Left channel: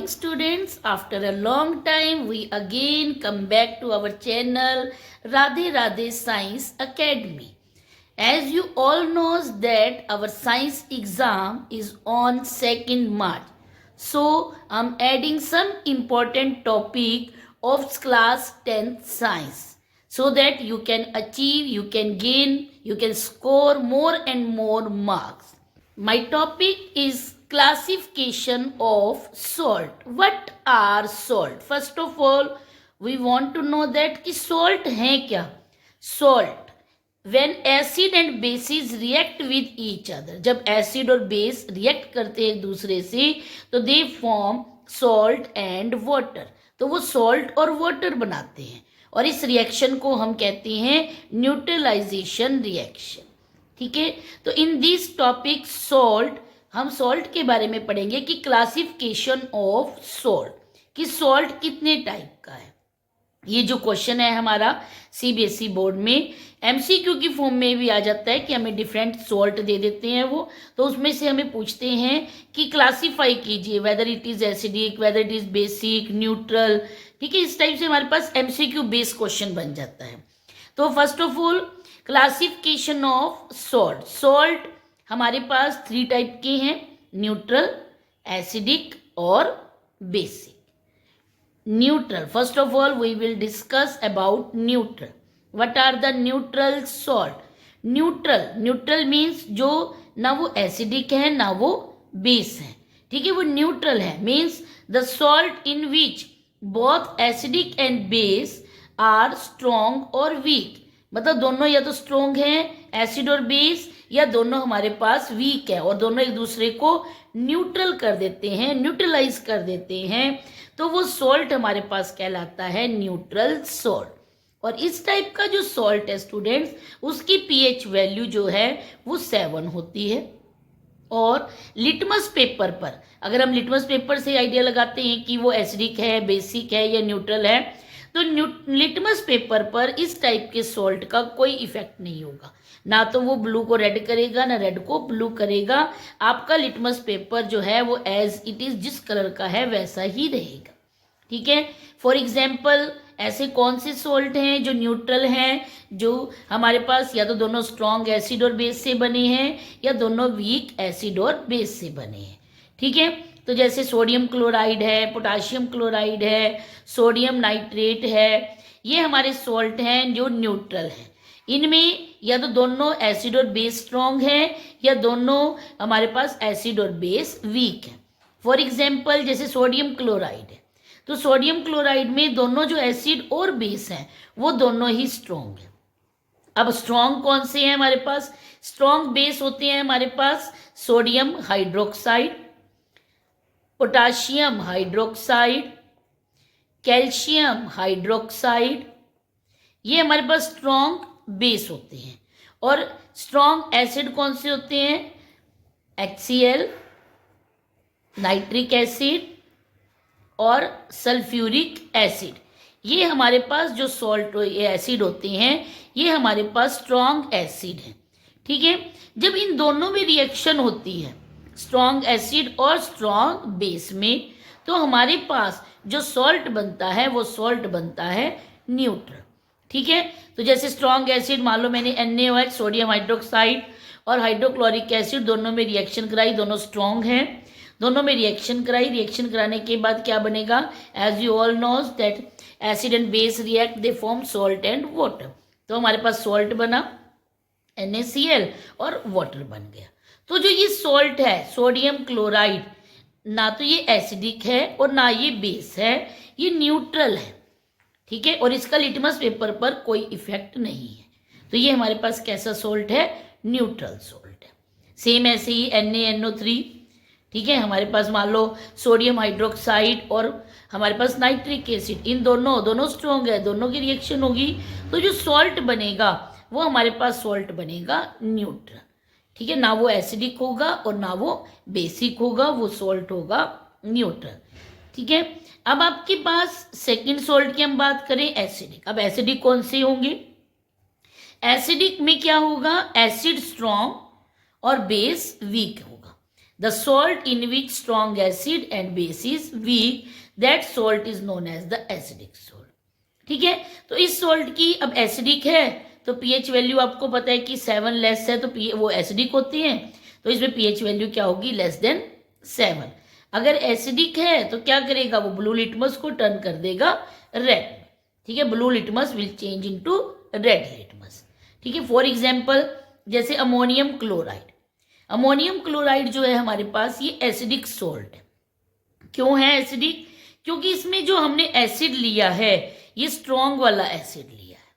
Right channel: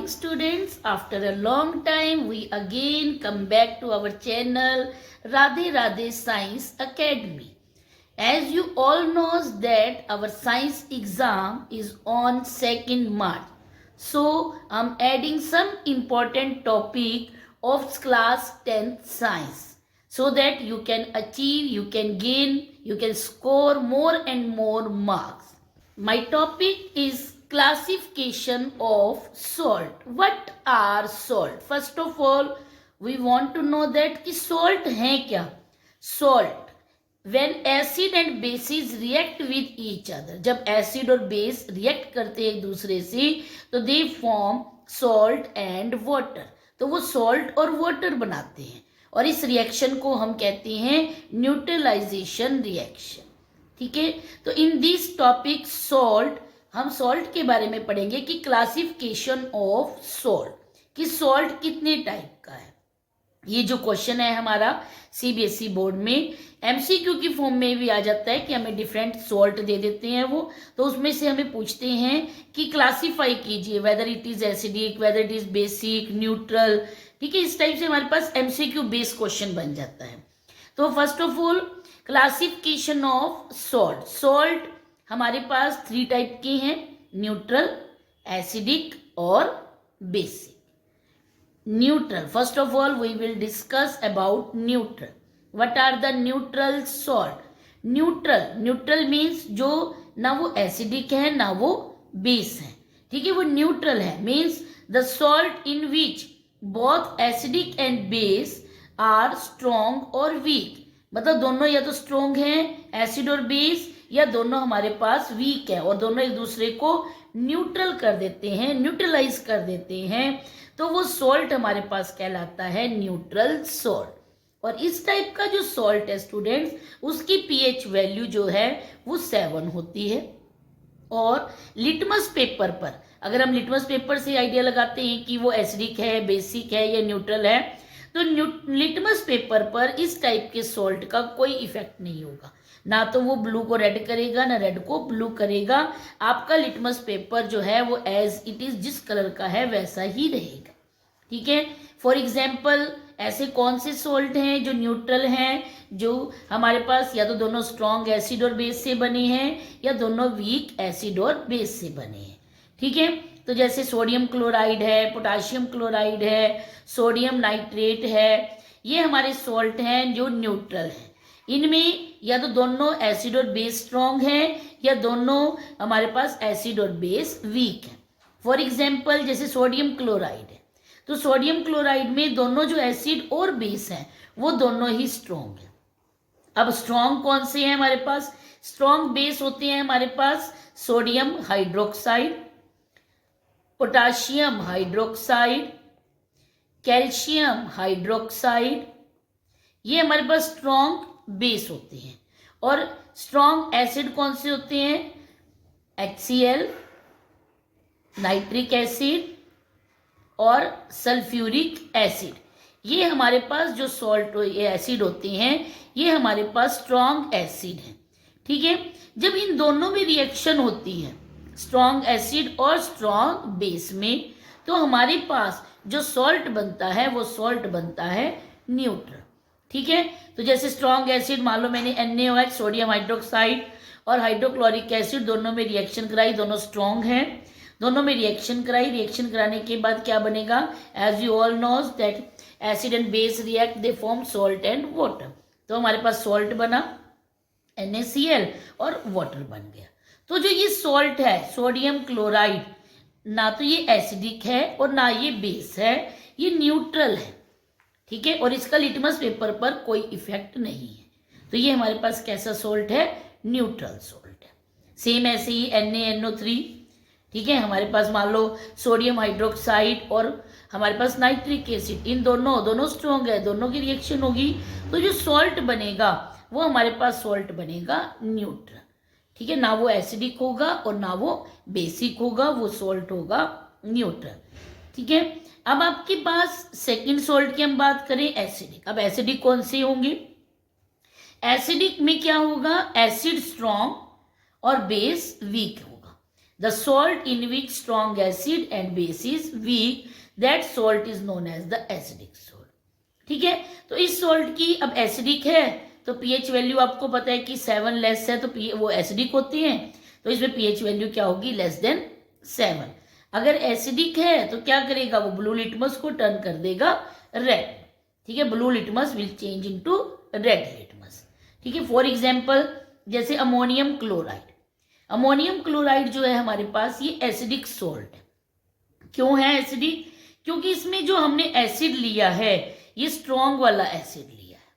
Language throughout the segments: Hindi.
morning, students. After a long time, we again come back to our channel Radhe Radhe Science Academy. As you all knows that our science exam is on 2nd March. So, I'm adding some important topic of class 10th science so that you can achieve, you can gain, you can score more and more marks. My topic is classification of salt. What are salt? First of all, we want to know that कि salt है क्या? Salt. When acid and bases react with each other. जब acid और base react करते हैं एक दूसरे से तो they form salt and water. तो वो salt और water बनाते हैं और इस रिएक्शन को हम कहते हैं न्यूट्रलाइजेशन रिएक्शन. ठीक है, तो इन दिस टॉपिक सॉल्ट हम सॉल्ट के बारे में पढ़ेंगे कि क्लासिफिकेशन ऑफ सॉल्ट, कि सॉल्ट कितने टाइप का है. ये जो क्वेश्चन है हमारा सीबीएसई बोर्ड में एमसीक्यू की फॉर्म में भी आ जाता है कि हमें डिफरेंट सॉल्ट दे देते हैं वो, तो उसमें से हमें पूछते हैं कि क्लासिफाई कीजिए whether it is acidic, whether it is basic, neutral. ठीक है, इस टाइप से हमारे पास एमसीक्यू बेस्ड क्वेश्चन बन जाता है. तो first of all classification of salt. Salt हमारे पास 3 टाइप के हैं, न्यूट्रल, एसिडिक और basic. Neutral, first of all we will discuss about neutral. What are the neutral salt? Neutral means जो ना वो एसिडिक है ना वो बेस है. ठीक है, वो न्यूट्रल है means the salt in which both acidic and base are strong और वीक. मतलब दोनों या तो स्ट्रॉन्ग हैं एसिड और बेस, या दोनों हमारे पास वीक है और दोनों एक दूसरे को न्यूट्रल कर देते हैं, न्यूट्रलाइज कर देते हैं. तो वो सॉल्ट हमारे पास कहलाता है न्यूट्रल सॉल्ट. और इस टाइप का जो सॉल्ट है स्टूडेंट्स, उसकी पीएच वैल्यू जो है वो 7 होती है. और लिटमस पेपर पर अगर हम लिटमस पेपर से आइडिया लगाते हैं कि वो एसिडिक है, बेसिक है या न्यूट्रल है, तो लिटमस पेपर पर इस टाइप के सॉल्ट का कोई इफेक्ट नहीं होगा. ना तो वो ब्लू को रेड करेगा ना रेड को ब्लू करेगा. आपका लिटमस पेपर जो है वो एज इट इज जिस कलर का है वैसा ही रहेगा. ठीक है, फॉर एग्जाम्पल ऐसे कौन से सॉल्ट हैं जो न्यूट्रल हैं, जो हमारे पास या तो दोनों स्ट्रॉन्ग एसिड और बेस से बने हैं या दोनों वीक एसिड और बेस से बने हैं. ठीक है, तो जैसे सोडियम क्लोराइड है, पोटाशियम क्लोराइड है, सोडियम नाइट्रेट है, ये हमारे सॉल्ट हैं जो न्यूट्रल हैं. इनमें या तो दोनों एसिड और बेस स्ट्रॉन्ग है या दोनों हमारे पास एसिड और बेस वीक है. फॉर एग्जाम्पल जैसे सोडियम क्लोराइड है, तो सोडियम क्लोराइड में दोनों जो एसिड और बेस हैं वो दोनों ही स्ट्रॉन्ग है. अब स्ट्रॉन्ग कौन से हैं हमारे पास? स्ट्रॉन्ग बेस होते हैं हमारे पास sodium hydroxide, potassium hydroxide, calcium hydroxide, ये हमारे पास स्ट्रॉन्ग बेस होते हैं. और स्ट्रॉन्ग एसिड कौन से होते हैं? HCl, नाइट्रिक एसिड और सल्फ्यूरिक एसिड. ये हमारे पास जो सॉल्ट एसिड होते हैं ये हमारे पास स्ट्रॉन्ग एसिड है. ठीक है, जब इन दोनों में रिएक्शन होती है स्ट्रॉन्ग एसिड और स्ट्रॉन्ग बेस में, तो हमारे पास जो सॉल्ट बनता है वो सॉल्ट बनता है न्यूट्रल. ठीक है, तो जैसे स्ट्रॉन्ग एसिड मान लो मैंने NaOH सोडियम हाइड्रोक्साइड और हाइड्रोक्लोरिक एसिड दोनों में रिएक्शन कराई, दोनों स्ट्रॉन्ग हैं, दोनों में रिएक्शन कराई. रिएक्शन कराने के बाद क्या बनेगा? As you all knows that acid and base react, they form salt and water. तो हमारे पास सॉल्ट बना NaCl और वाटर बन गया. तो जो ये सॉल्ट है सोडियम क्लोराइड, ना तो ये एसिडिक है और ना ये बेस है, ये न्यूट्रल है. ठीक है, और इसका लिटमस पेपर पर कोई इफेक्ट नहीं है. तो ये हमारे पास कैसा सॉल्ट है? न्यूट्रल सॉल्ट है. सेम ऐसे ही NaNO3. ठीक है, हमारे पास मान लो सोडियम हाइड्रोक्साइड और हमारे पास नाइट्रिक एसिड, इन दोनों स्ट्रॉन्ग है, दोनों की रिएक्शन होगी तो जो सॉल्ट बनेगा वो हमारे पास सॉल्ट बनेगा न्यूट्रल. ठीक है, ना वो एसिडिक होगा और ना वो बेसिक होगा, वो सॉल्ट होगा न्यूट्रल. ठीक है, अब आपके पास सेकंड सॉल्ट की हम बात करें एसिडिक. अब एसिडिक कौन से होंगे? एसिडिक में क्या होगा? एसिड स्ट्रॉन्ग और बेस वीक होगा. The salt in which strong acid and base is weak, that salt is known as the acidic salt. ठीक है, तो इस सॉल्ट की अब एसिडिक है तो पीएच वैल्यू आपको पता है कि 7 लेस है, तो वो एसिडिक होती है, तो इसमें पीएच वैल्यू क्या होगी, लेस देन 7। अगर एसिडिक है तो क्या करेगा, वो ब्लू लिटमस को टर्न कर देगा रेड। ठीक है, blue litmus will change into red litmus. ठीक है, फॉर एग्जांपल जैसे अमोनियम क्लोराइड, अमोनियम क्लोराइड जो है हमारे पास ये एसिडिक सॉल्ट है। क्यों है एसिडिक, क्योंकि इसमें जो हमने एसिड लिया है ये स्ट्रॉन्ग वाला एसिड लिया है।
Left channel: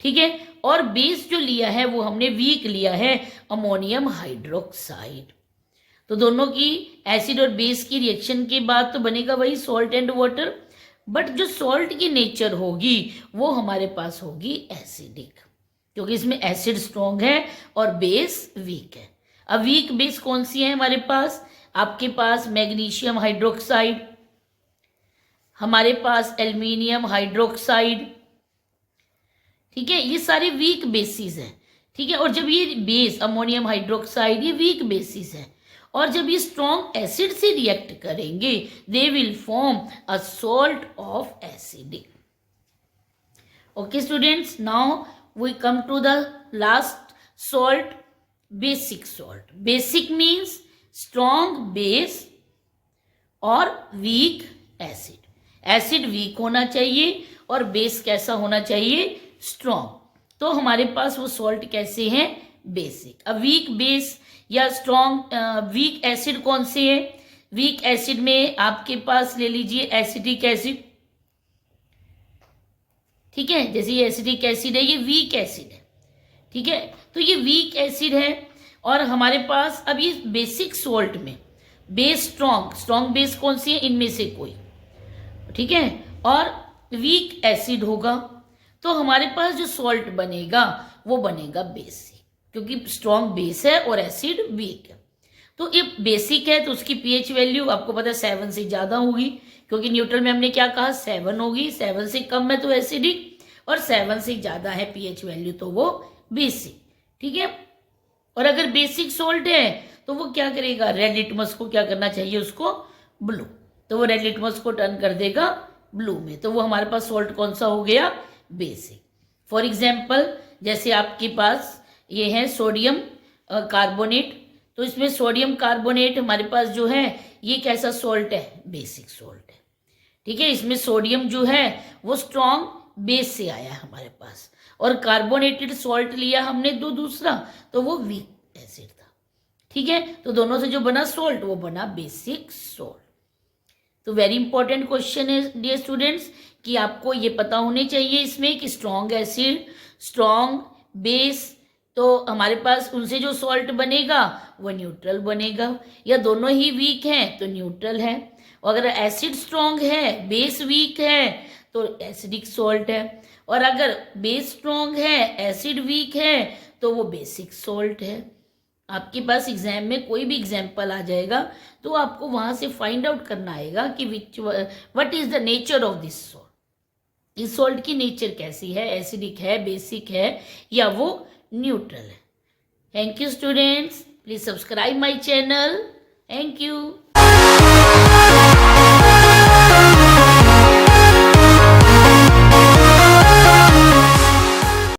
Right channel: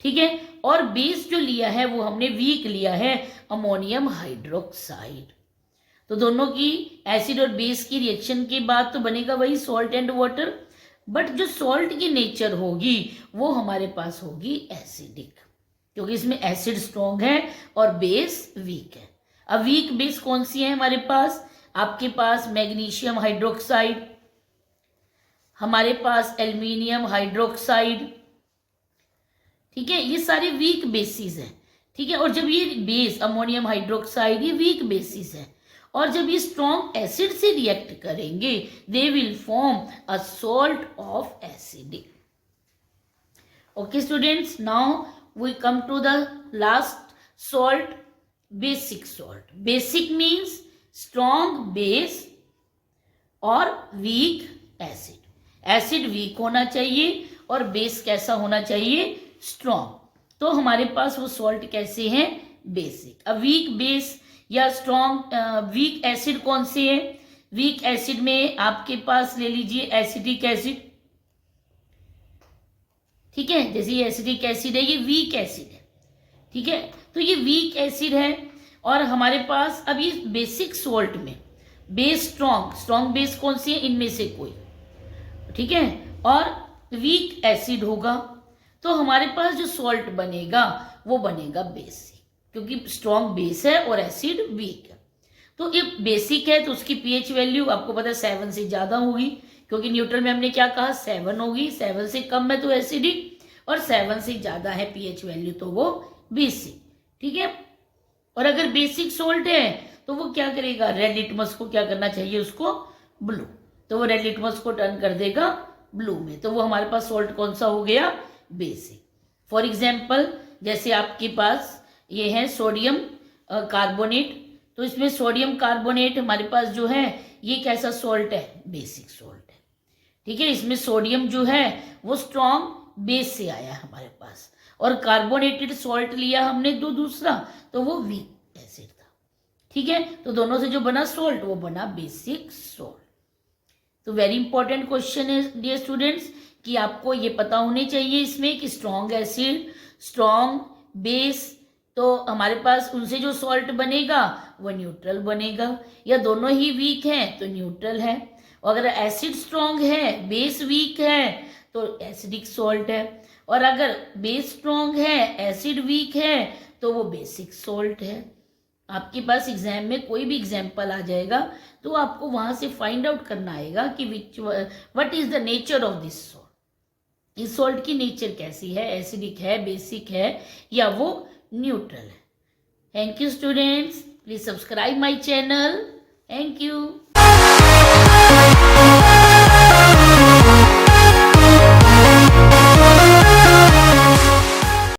ठीक है, और बेस जो लिया है वो हमने वीक लिया है, अमोनियम हाइड्रोक्साइड। तो दोनों की एसिड और बेस की रिएक्शन के बाद तो बनेगा वही सॉल्ट एंड वाटर, बट जो सॉल्ट की नेचर होगी वो हमारे पास होगी एसिडिक, क्योंकि इसमें एसिड स्ट्रॉन्ग है और बेस वीक है। अब वीक बेस कौन सी है हमारे पास, आपके पास मैग्नीशियम हाइड्रोक्साइड, हमारे पास एल्यूमिनियम हाइड्रोक्साइड। ठीक है, ये सारे वीक बेसिस हैं। ठीक है, और जब ये बेस अमोनियम हाइड्रोक्साइड ये वीक बेसिस है, और जब ये स्ट्रॉन्ग एसिड से रिएक्ट करेंगे they will form a salt of acidic. Okay students, now we come to the last salt, basic salt. Basic means strong base और वीक एसिड। एसिड वीक होना चाहिए और बेस कैसा होना चाहिए, स्ट्रॉन्ग। तो हमारे पास वो सॉल्ट कैसे हैं, बेसिक। अब वीक बेस या स्ट्रॉन्ग वीक एसिड कौन से है, वीक एसिड में आपके पास ले लीजिए एसिटिक एसिड। ठीक है, जैसे ये एसिटिक एसिड है ये वीक एसिड है। ठीक है, तो ये वीक एसिड है और हमारे पास अब ये बेसिक सॉल्ट में बेस स्ट्रॉन्ग बेस कौन सी है, इनमें से कोई। ठीक है, और वीक एसिड होगा, तो हमारे पास जो सॉल्ट बनेगा वो बनेगा बेसिक, क्योंकि स्ट्रॉन्ग बेस है और एसिड वीक है। तो ये बेसिक है तो उसकी पीएच वैल्यू आपको पता है 7 से ज्यादा होगी, क्योंकि न्यूट्रल में हमने क्या कहा 7 होगी, 7 से कम है तो एसिडिक और 7 से ज्यादा है पीएच वैल्यू तो वो बेसिक। ठीक है, और अगर बेसिक सॉल्ट है तो वो क्या करेगा, रेड लिटमस को क्या करना चाहिए, उसको ब्लू, तो वो रेड लिटमस को टर्न कर देगा ब्लू में, तो वो हमारे पास सॉल्ट कौन सा हो गया, बेसिक। फॉर एग्जाम्पल जैसे आपके पास ये है सोडियम कार्बोनेट, तो इसमें सोडियम कार्बोनेट हमारे पास जो है ये कैसा सॉल्ट है, बेसिक सॉल्ट है। ठीक है, इसमें सोडियम जो है वो स्ट्रॉन्ग बेस से आया है हमारे पास, और कार्बोनेटेड सॉल्ट लिया हमने दूसरा, तो वो वीक एसिड था। ठीक है, तो दोनों से जो बना सॉल्ट वो बना बेसिक सॉल्ट। तो वेरी इंपॉर्टेंट क्वेश्चन है डियर स्टूडेंट्स कि आपको ये पता होने चाहिए इसमें कि स्ट्रॉन्ग एसिड स्ट्रॉन्ग बेस, तो हमारे पास उनसे जो सॉल्ट बनेगा वो न्यूट्रल बनेगा, या दोनों ही वीक हैं तो न्यूट्रल है, और अगर एसिड स्ट्रॉन्ग है बेस वीक है तो एसिडिक सॉल्ट है, और अगर बेस स्ट्रॉन्ग है एसिड वीक है तो वो बेसिक सॉल्ट है। आपके पास एग्जाम में कोई भी एग्जाम्पल आ जाएगा तो आपको वहां से फाइंड आउट करना आएगा कि what is the nature of this salt, इस सॉल्ट की नेचर कैसी है, एसिडिक है, बेसिक है, या वो न्यूट्रल है। Thank you students, please subscribe my channel. Thank you.